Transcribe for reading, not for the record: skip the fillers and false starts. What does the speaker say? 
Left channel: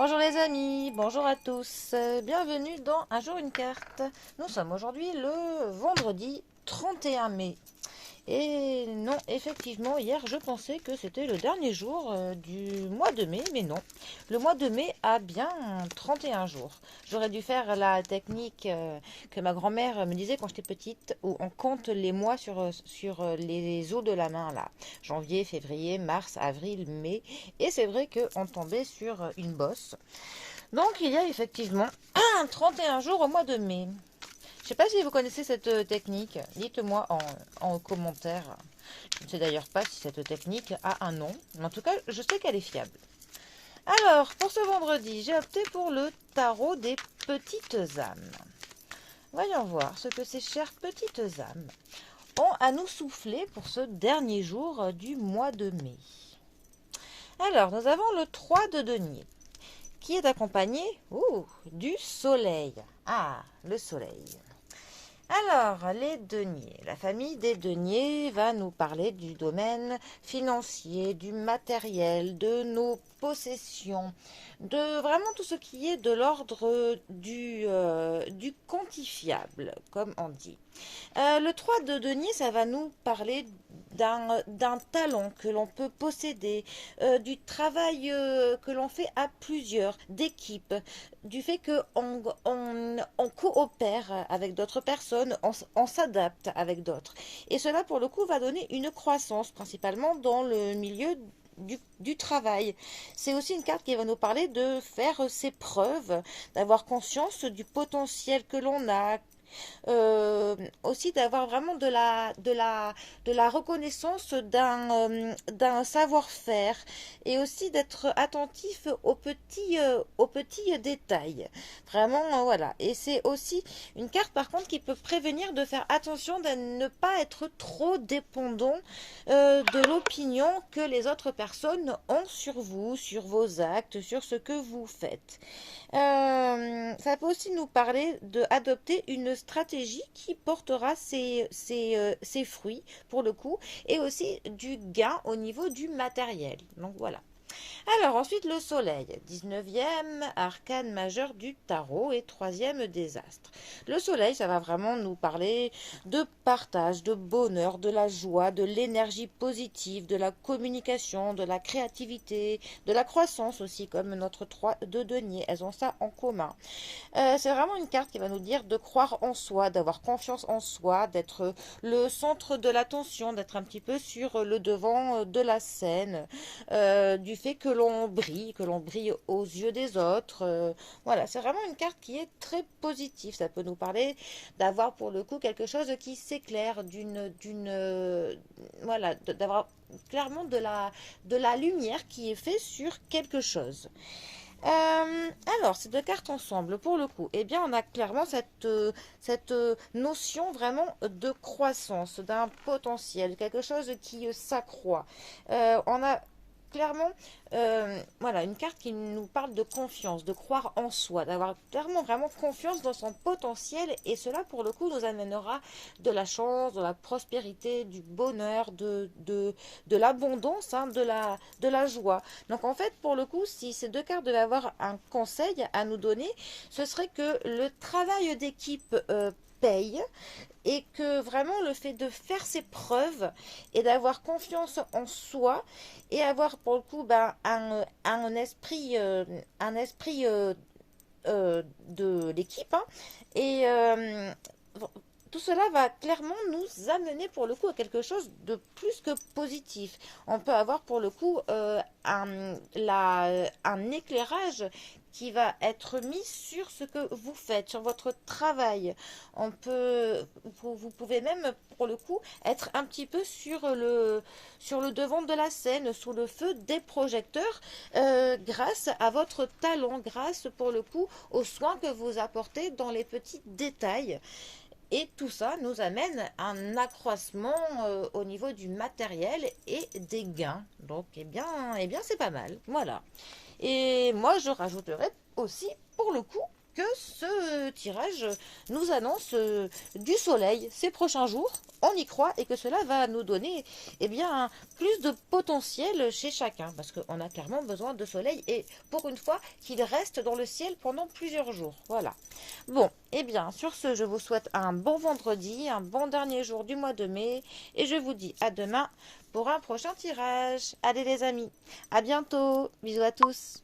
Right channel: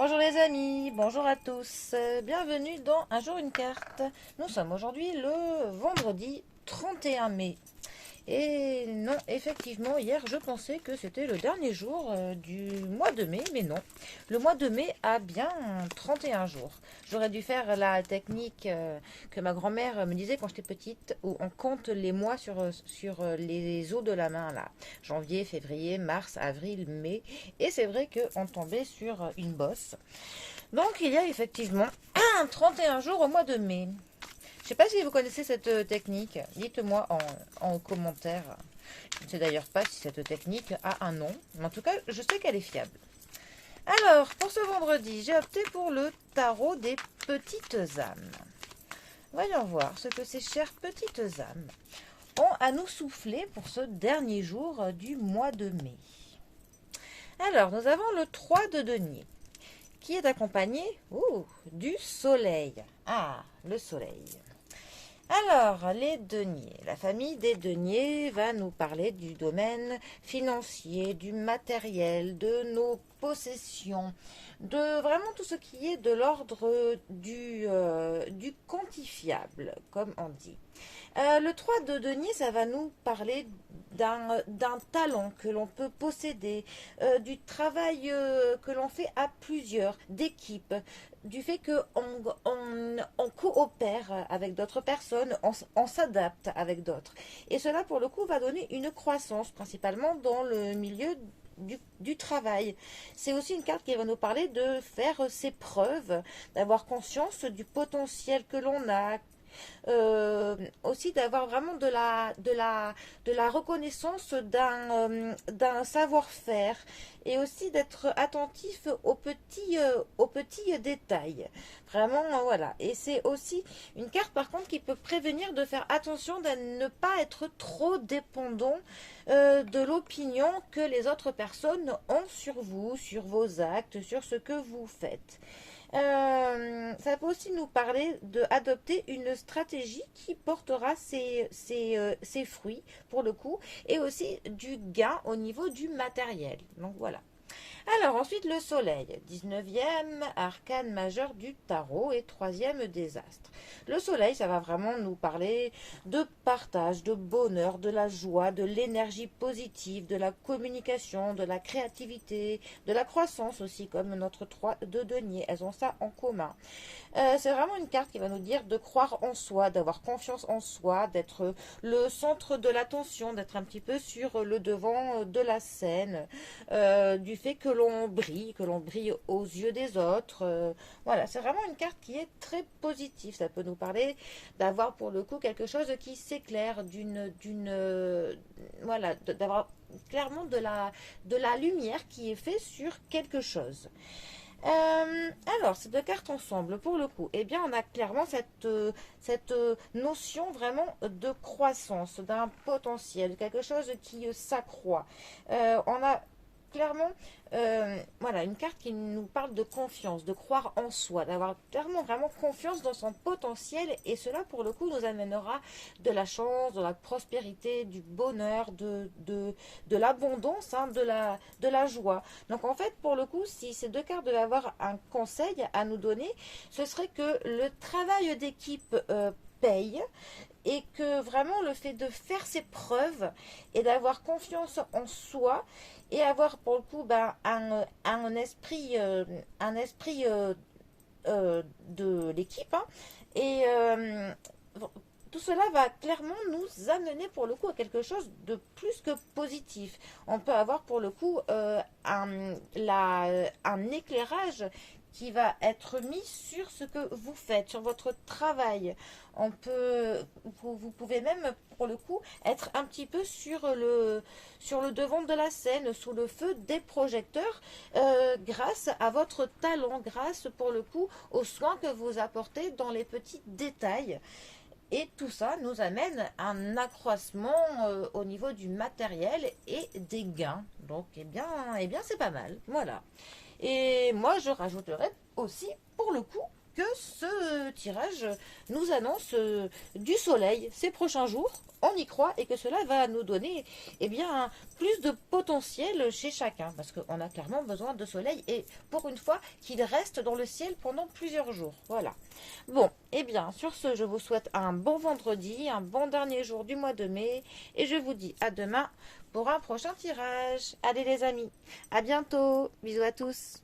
Bonjour les amis, bonjour à tous, bienvenue dans Un jour une carte. Nous sommes aujourd'hui le vendredi 31 mai. Et non, effectivement, hier je pensais que c'était le dernier jour du mois de mai, mais non. Le mois de mai a bien 31 jours. J'aurais dû faire la technique que ma grand-mère me disait quand j'étais petite, où on compte les mois sur les os de la main, là. Janvier, février, mars, avril, mai. Et c'est vrai qu'on tombait sur une bosse. Donc il y a effectivement 31 jours au mois de mai. Je ne sais pas si vous connaissez cette technique. Dites-moi en commentaire. Je ne sais d'ailleurs pas si cette technique a un nom. Mais en tout cas, je sais qu'elle est fiable. Alors, pour ce vendredi, j'ai opté pour le tarot des petites âmes. Voyons voir ce que ces chères petites âmes ont à nous souffler pour ce dernier jour du mois de mai. Alors, nous avons le 3 de denier, qui est accompagné du soleil. Ah, le soleil. Alors, les deniers. La famille des deniers va nous parler du domaine financier, du matériel, de nos possessions, de vraiment tout ce qui est de l'ordre du quantifiable, comme on dit. Le 3 de denier, ça va nous parler d'un talent que l'on peut posséder, du travail que l'on fait à plusieurs, d'équipe, du fait qu'on coopère avec d'autres personnes, on s'adapte avec d'autres. Et cela, pour le coup, va donner une croissance, principalement dans le milieu du travail. C'est aussi une carte qui va nous parler de faire ses preuves, d'avoir conscience du potentiel que l'on a, aussi d'avoir vraiment de la reconnaissance d'un savoir-faire et aussi d'être attentif aux petits détails. Vraiment, voilà. Et c'est aussi une carte par contre qui peut prévenir de faire attention de ne pas être trop dépendant de l'opinion que les autres personnes ont sur vous, sur vos actes, sur ce que vous faites. Ça peut aussi nous parler d'adopter une stratégie qui portera ses fruits pour le coup et aussi du gain au niveau du matériel. Donc voilà. Alors ensuite le soleil, 19e arcane majeur du tarot et 3e désastre. Le soleil, ça va vraiment nous parler de partage, de bonheur, de la joie, de l'énergie positive, de la communication, de la créativité, de la croissance aussi, comme notre 3 de denier. Elles ont ça en commun. C'est vraiment une carte qui va nous dire de croire en soi, d'avoir confiance en soi, d'être le centre de l'attention, d'être un petit peu sur le devant de la scène, du fait que l'on brille aux yeux des autres. Voilà, c'est vraiment une carte qui est très positive. Ça peut nous parler d'avoir pour le coup quelque chose qui s'éclaire, voilà, d'avoir clairement de la lumière qui est faite sur quelque chose. Alors, ces deux cartes ensemble, pour le coup, eh bien, on a clairement cette notion vraiment de croissance, d'un potentiel, quelque chose qui s'accroît. On a clairement voilà, une carte qui nous parle de confiance, de croire en soi, d'avoir clairement vraiment confiance dans son potentiel et cela pour le coup nous amènera de la chance, de la prospérité, du bonheur, de l'abondance, hein, de la joie. Donc en fait pour le coup si ces deux cartes devaient avoir un conseil à nous donner, ce serait que le travail d'équipe paye et que vraiment le fait de faire ses preuves et d'avoir confiance en soi et avoir pour le coup un esprit de l'équipe, hein, et tout cela va clairement nous amener pour le coup à quelque chose de plus que positif. On peut avoir pour le coup un éclairage qui va être mis sur ce que vous faites, sur votre travail. Vous pouvez même pour le coup être un petit peu sur le devant de la scène, sous le feu des projecteurs, grâce à votre talent, grâce pour le coup aux soins que vous apportez dans les petits détails. Et tout ça nous amène à un accroissement au niveau du matériel et des gains. Donc, eh bien c'est pas mal. Voilà. Et moi, je rajouterais aussi, pour le coup, que ce tirage nous annonce du soleil ces prochains jours. On y croit et que cela va nous donner eh bien, plus de potentiel chez chacun. Parce qu'on a clairement besoin de soleil et pour une fois qu'il reste dans le ciel pendant plusieurs jours. Voilà. Bon, eh bien, sur ce, je vous souhaite un bon vendredi, un bon dernier jour du mois de mai. Et je vous dis à demain pour un prochain tirage. Allez les amis, à bientôt. Bisous à tous.